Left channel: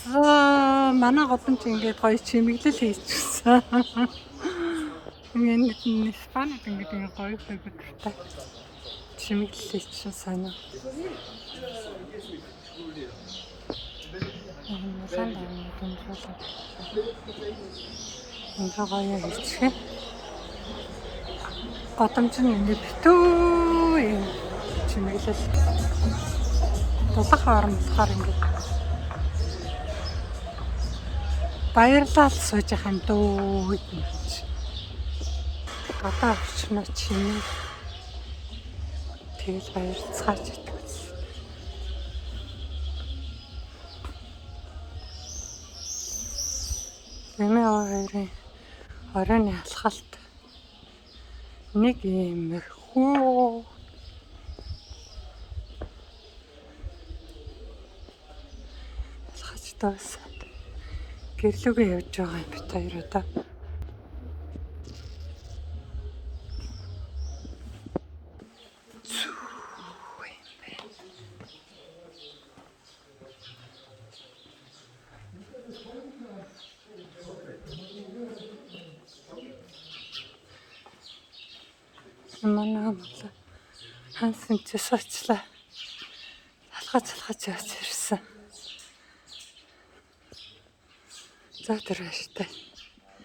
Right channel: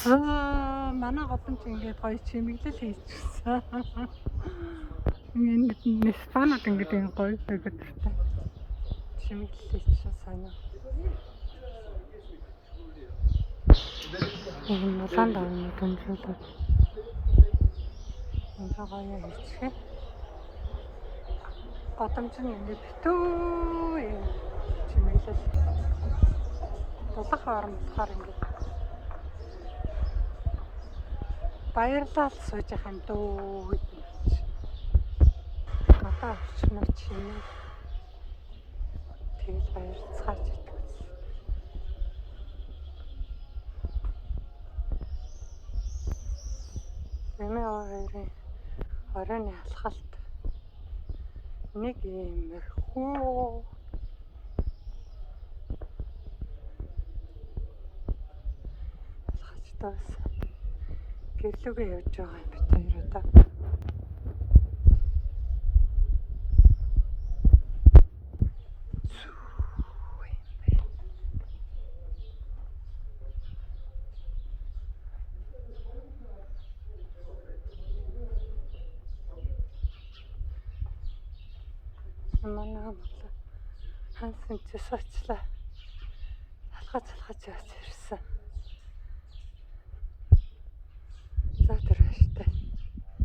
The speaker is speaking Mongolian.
Манай годомч ингээд гоё чимэглэл хийчихсэн. Ингээд Испанид ингээд гоё хөдөлгөөнтэй чимэглэл хийчихсэн санаа. Улаан давны томруулаад энэ гоё хийчихээ. Годомч нь ингээд битүү юм чимэглэл. Дулаан орон болохоор ингээд баярлал сууж явах юм дөө гэж. Гадаа орчноо чиний. Тэгэл баярлцгаач гэдэг байсан. Эмээ хоёрын оройн алхалт нэг иймэрхүү. Алхаж таас гэрлүүгээ явж байгаа юм бит хоёр удаа. Манай хансан часаачлаа алхаж явж ирсэн. За тэр баяртай.